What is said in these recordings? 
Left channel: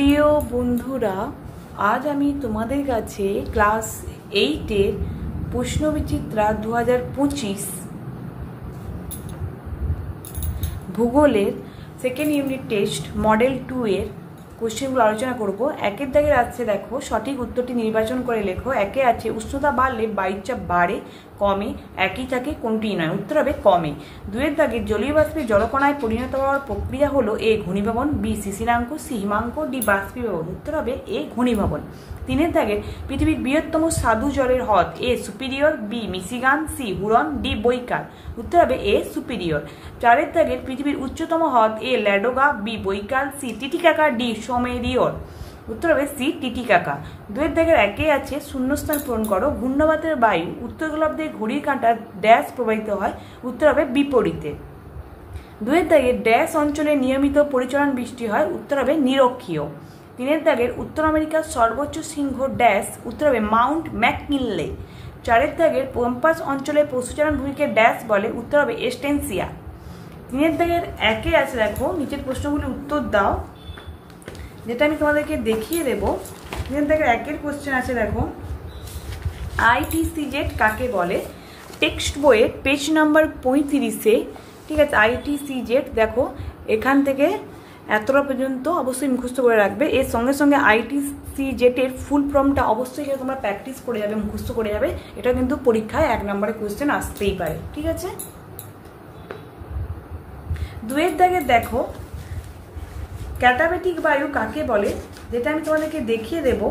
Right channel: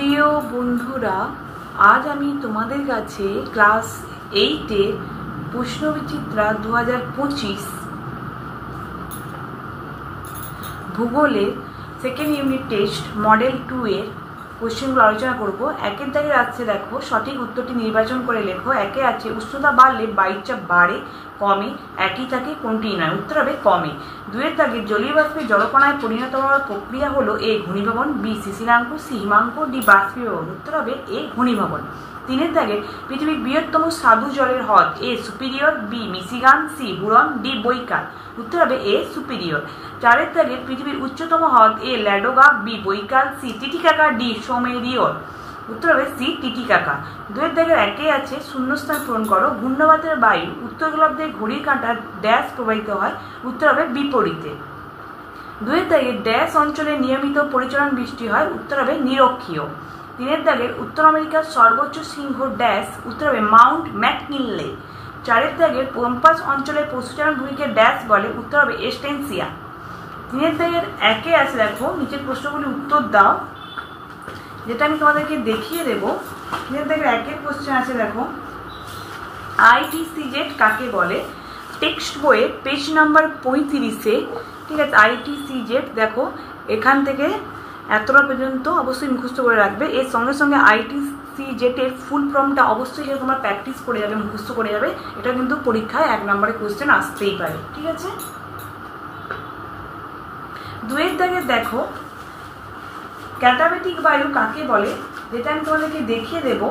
প্রিয় বন্ধুরা, আজ আমি তোমাদের কাছে ক্লাস 8-এর প্রশ্নবিচিত্রা 2025 ভূগোলের সেকেন্ড ইউনিট টেস্ট মডেল 2 এর কোশ্চেনগুলো আলোচনা করব। একের দাগে আছে, দেখো সঠিক উত্তরটি নির্বাচন করে লেখো। একে আছে উষ্ণতা বাড়লে বায়ুচাপ বাড়ে, কমে, একই থাকে, কোনটি নয়? উত্তর হবে কমে। দুয়ের দাগে জলীয় বাষ্পে জলকণায় পরিণত হওয়ার প্রক্রিয়া হলো এ ঘনীভবন, বি শিশিরাঙ্ক, সি হিমাঙ্ক, ডি বাষ্পীভবন। উত্তর হবে এ ঘনীভবন। তিনের দাগে পৃথিবীর বৃহত্তম স্বাদু জলের হ্রদ A Superior, B Michigan, C Huron, D Baikal. উত্তর হবে এ সুপিরিয়র। চারের দাগে পৃথিবীর উচ্চতম হ্রদ A Ladoga, B Baikal, C Titicaca, D সোমেরিয়র। উত্তর হবে সি টিটিকাকা। দুয়ের দাগের একে আছে শূন্যস্থান পূরণ করো। ঘূর্ণবাতের বায়ু উত্তর গোলার্ধে ঘড়ির কাঁটার ড্যাশ প্রবাহিত হয়। উত্তর হবে বিপরীতে। দুয়ের দাগের ড্যাশ অঞ্চলে নিয়মিত পরিচলন বৃষ্টি হয়। উত্তর হবে নিরক্ষীয়। তিনের দাগের উত্তর আমেরিকার সর্বোচ্চ শৃঙ্গ ড্যাশ। উত্তর হবে মাউন্ট ম্যাককিনলে। চারের দাগের পম্পাস অঞ্চলের পশুচারণ ভূমিকে ড্যাশ বলে। উত্তর হবে এস্টেনসিয়া। তিনের দাগের একে আছে, দেখো নিচের প্রশ্নগুলি উত্তর দাও, যেটা আমি তোমাদেরকে দেখিয়ে দেবো। তিনের দাগের একের কোশ্চেন আছে, দেখো আইটিসিজেড কাকে বলে? টেক্সট বইয়ে পেজ নাম্বার 35-এ, ঠিক আছে, আইটিসিজেড দেখো এখান থেকে এতটা পর্যন্ত অবশ্যই মুখস্থ করে রাখবে। এর সঙ্গে সঙ্গে আইটিসিজেটের ফুল ফর্মটা অবশ্যই সেটা তোমরা প্র্যাকটিস করে যাবে, মুখস্থ করে যাবে। এটা কিন্তু পরীক্ষায় 1 নম্বরের কোশ্চেন আসতেই পারে, ঠিক আছে। দুয়ের দাগে দেখো ক্যাটাবেটিক বায়ু কাকে বলে, যেটা আমি তোমাদেরকে দেখিয়ে দেব।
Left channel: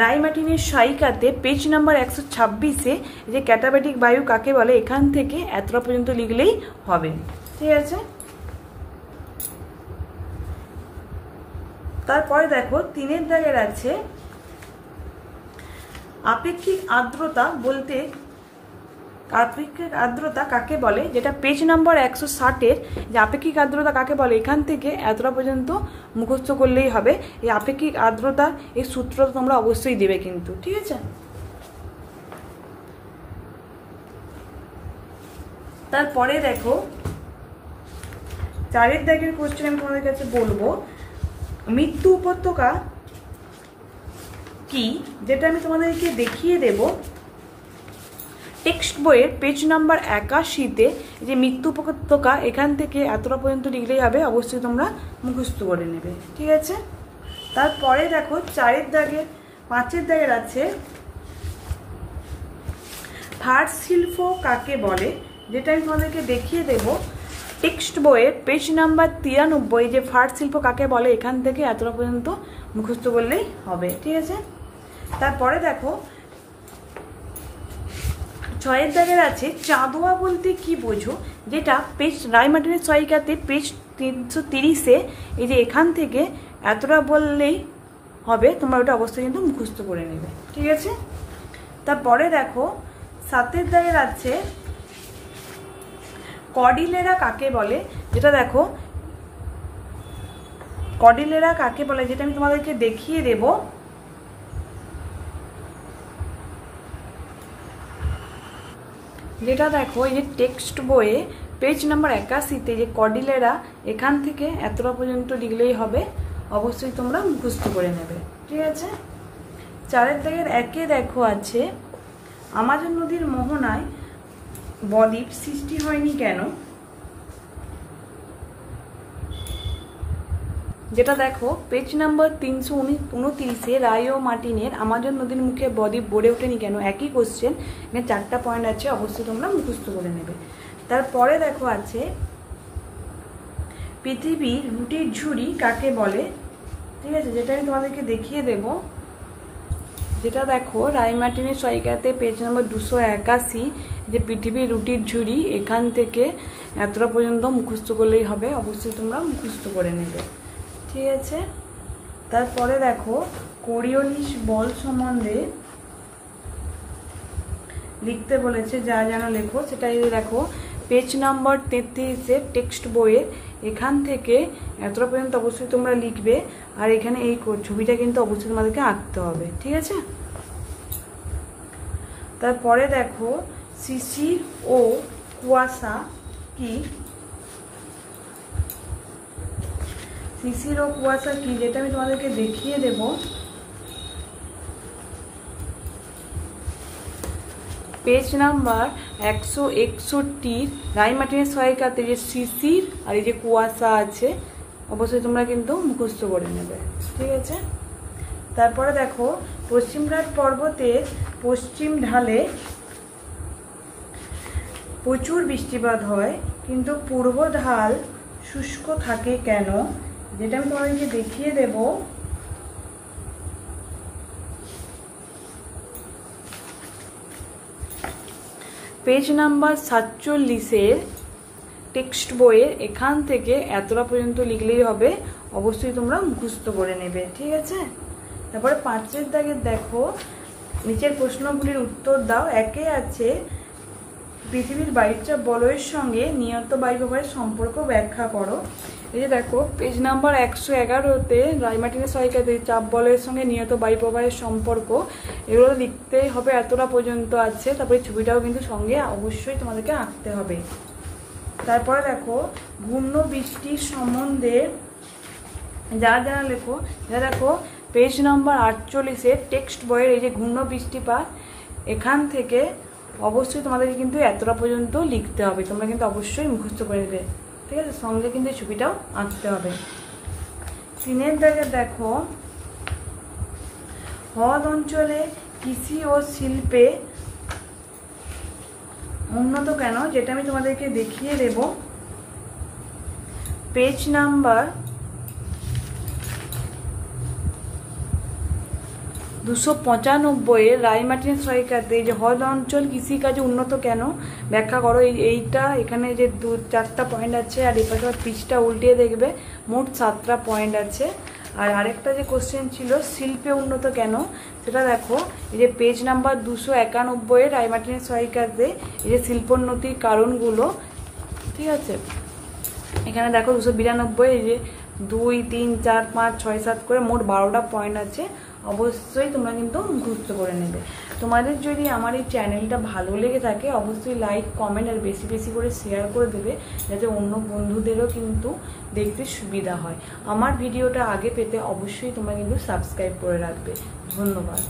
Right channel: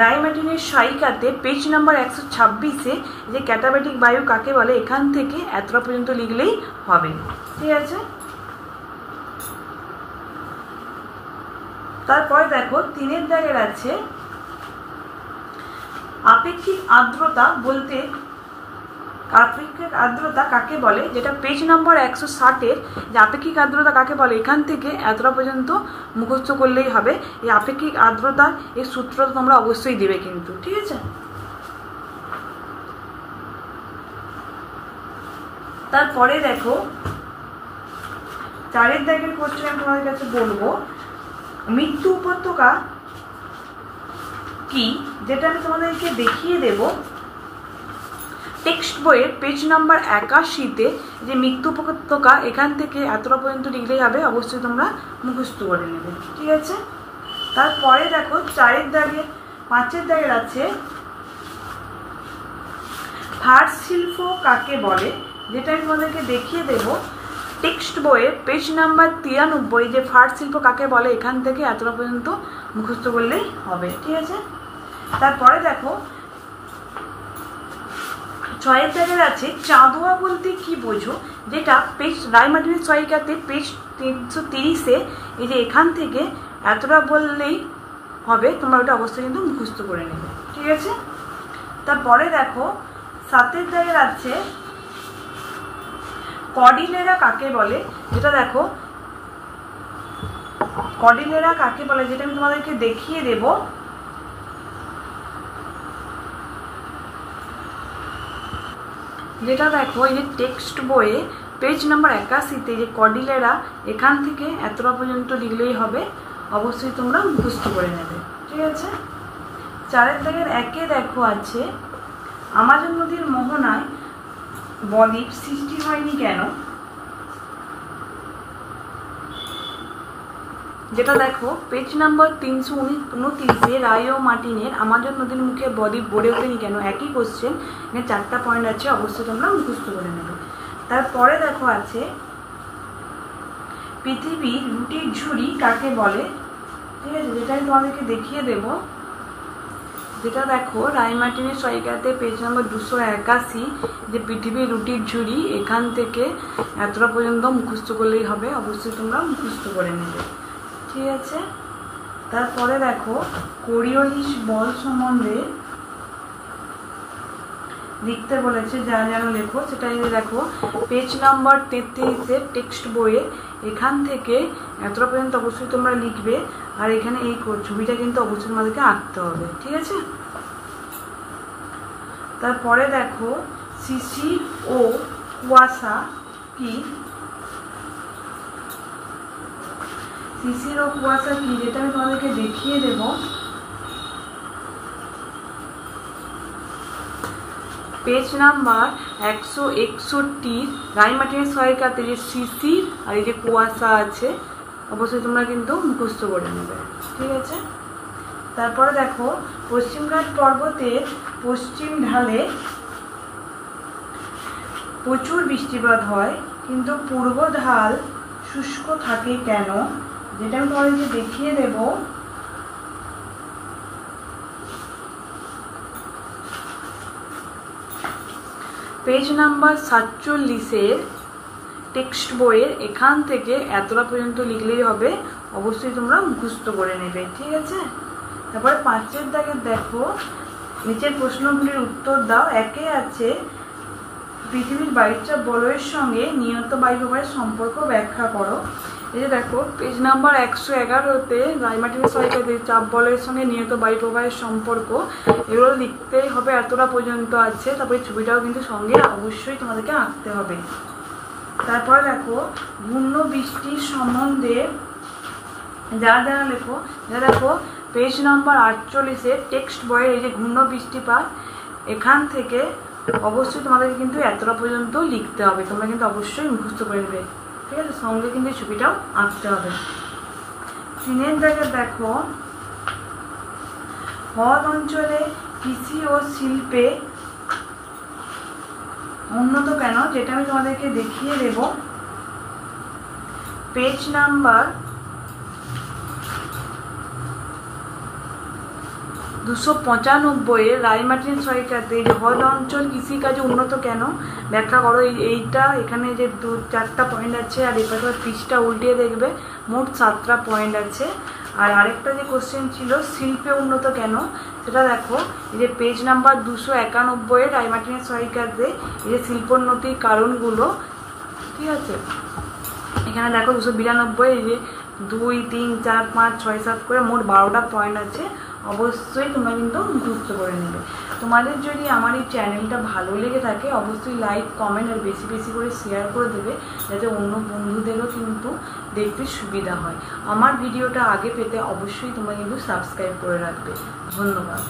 রাইমার্টিনের সহায়িকাতে পেজ নাম্বার 126-এ যে ক্যাটাবেটিক বায়ু কাকে বলে, এখান থেকে এতটা পর্যন্ত লিখলেই হবে, ঠিক আছে। তারপরে দেখো তিনের দাগের আছে আপেক্ষিক আর্দ্রতা বলতে আপেক্ষিক আর্দ্রতা কাকে বলে, যেটা পেজ নাম্বার 160-এর যে আপেক্ষিক আর্দ্রতা কাকে বলে, এখান থেকে এতটা পর্যন্ত মুখস্থ করলেই হবে। এই আপেক্ষিক আর্দ্রতা এই সূত্রটা তোমরা অবশ্যই দেবে কিন্তু, ঠিক আছে। তারপরে দেখো চারের দাগের কোশ্চেন আমি তোমাদের কাছে বলবো, মৃত্যু উপত্যকা কি, যেটা আমি তোমাদেরকে দেখিয়ে দেব। টেক্সট বইয়ের পেজ নাম্বার 81-তে যে মৃত্যু উপত্যকা, এখান থেকে এতটা পর্যন্ত লিখলেই হবে, অবশ্যই তোমরা মুখস্থ করে নেবে, ঠিক আছে। তারপরে দেখো চারের দাগের পাঁচের দাগের আছে ফার শিল্প কাকে বলে, যেটা আমি তোমাদেরকে দেখিয়ে দেব। টেক্সট বইয়ের পেজ নাম্বার 93 যে ফার শিল্প কাকে বলে, এখান থেকে এতটা পর্যন্ত মুখস্থ করলেই হবে, ঠিক আছে। তারপরে দেখো ছয়ের দাগের আছে চাঁদোয়া বলতে কি বোঝো, যেটা পেজ রাইমার্টিনের সহায়িকাতে পেজ 330-এ এই যে এখান থেকে এতটা বললেই হবে, তোমরা ওটা অবশ্যই কিন্তু মুখস্থ করে নেবে, ঠিক আছে। তারপরে দেখো সাতের দাগের আছে কর্ডিলেরা কাকে বলে, যেটা দেখো কর্ডিলেরা কাকে বলে, যেটা আমি তোমাদেরকে দেখিয়ে দেব। যেটা দেখো এই যে টেক্সট বইয়ে পেজ নাম্বার 81-তে যে কর্ডিলেরা, এখান থেকে এতটা পর্যন্ত লিখলেই হবে, অবশ্যই তোমরা মুখস্থ করে নেবে, ঠিক আছে। চারের দাগের একে দেখো আছে আমাজন নদীর মোহনায় বদ্বীপ সৃষ্টি হয়নি কেন, যেটা দেখো পেজ নাম্বার 329-এ রায় ও মার্টিনের আমাজন নদীর মুখে বদ্বীপ গড়ে ওঠেনি কেন, একই কোশ্চেন, এখানে 4টা পয়েন্ট আছে, অবশ্যই তোমরা মুখস্থ করে নেবে। তারপরে দেখো আছে পৃথিবীর রুটির ঝুড়ি কাকে বলে, ঠিক আছে, যেটা আমি তোমাদেরকে দেখিয়ে দেব। যেটা দেখো রায়মার্টিনের সহায়িকাতে পেজ নাম্বার 281 যে পৃথিবীর রুটির ঝুড়ি, এখান থেকে এতটা পর্যন্ত মুখস্থ করলেই হবে, অবশ্যই তোমরা মুখস্থ করে নেবে, ঠিক আছে। তারপরে দেখো কোরিওলিস বল সম্বন্ধে লিখতে বলেছে, যা যেন লেখো সেটা দেখো পেজ নাম্বার 33-এর টেক্সট বইয়ে, এখান থেকে এতটা পর্যন্ত অবশ্যই তোমরা লিখবে। আর এখানে এই ছবিটা কিন্তু অবশ্যই তোমাদেরকে আঁকতে হবে, ঠিক আছে। তারপরে দেখো শিশির ও কুয়াশা কি, শিশির ও কুয়াশা কি, যেটা আমি তোমাদেরকে দেখিয়ে দেব। পেজ নাম্বার 161 রাই মার্টিনের সহায়িকাতে যে শিশির আর এই যে কুয়াশা আছে, অবশ্যই তোমরা কিন্তু মুখস্থ করে নেবে, ঠিক আছে। তারপরে দেখো, পশ্চিমঘাট পর্বতের পশ্চিম ঢালে প্রচুর বৃষ্টিপাত হয়, কিন্তু পূর্ব ঢাল শুষ্ক থাকে কেন, যেটা আমি তোমাদেরকে দেখিয়ে দেব। পেজ নাম্বার 47 টেক্সট বইয়ের এখান থেকে এতটা পর্যন্ত লিখলেই হবে, অবশ্যই তোমরা মুখস্থ করে নেবে, ঠিক আছে। তারপরে 5 দাগে দেখো, নিচের প্রশ্নগুলির উত্তর দাও। একে আছে পৃথিবীর বায়ুচাপ বলয়ের সঙ্গে নিয়ত বায়ুপ্রবাহের সম্পর্ক ব্যাখ্যা করো। এই যে দেখো, পেজ নাম্বার 111-তে রাই মার্টিনের সহায়িকাতে চাপ বলয়ের সঙ্গে নিয়ত বায়ুপ্রবাহের সম্পর্ক, এগুলো লিখতেই হবে, এতটা পর্যন্ত আছে। তারপরে ছবিটাও কিন্তু সঙ্গে অবশ্যই তোমাদেরকে আঁকতে হবে। তারপরে দেখো, ঘূর্ণ বৃষ্টির সম্বন্ধে যা জানা লেখো। দেখো, পেজ নাম্বার 48 টেক্সট বইয়ের এই যে ঘূর্ণ বৃষ্টিপাত, এখান থেকে অবশ্যই তোমাদেরকে কিন্তু এতটা পর্যন্ত লিখতে হবে, তোমরা কিন্তু অবশ্যই মুখস্থ করে নেবে, ঠিক আছে। সঙ্গে কিন্তু ছবিটাও আঁকতে হবে। 3 দাগে দেখো, হ্রদ অঞ্চলে কৃষি ও শিল্পে উন্নত কেন, যেটা আমি তোমাদেরকে দেখিয়ে দেব। পেজ নাম্বার 295 রাই মার্টিনের সহায়িকাতে যে হ্রদ অঞ্চল কৃষিকাজে উন্নত কেন ব্যাখ্যা করো। এইটা এখানে যে 4টা পয়েন্ট আছে, আর এপাশে পৃষ্ঠা উল্টিয়ে দেখবে মোট 7টা পয়েন্ট আছে। আর আরেকটা যে কোশ্চেন ছিল শিল্পে উন্নত কেন, সেটা দেখো, এই যে পেজ নাম্বার 291 রাই মার্টিনের সহায়িকাতে এই যে শিল্পোন্নতির কারণগুলো, ঠিক আছে। এখানে দেখো 292, এই যে 2, 3, 4, 5, 6, 7 করে মোট 12টা পয়েন্ট আছে, অবশ্যই তোমরা কিন্তু মুখস্থ করে নেবে। তোমাদের যদি আমার এই চ্যানেলটা ভালো লেগে থাকে, অবশ্যই লাইক, কমেন্ট আর বেশি বেশি করে শেয়ার করে দেবে, যাতে অন্য বন্ধুদেরও কিন্তু দেখতে সুবিধা হয়। আমার ভিডিওটা আগে পেতে অবশ্যই তোমরা কিন্তু সাবস্ক্রাইব করে রাখবে। ধন্যবাদ।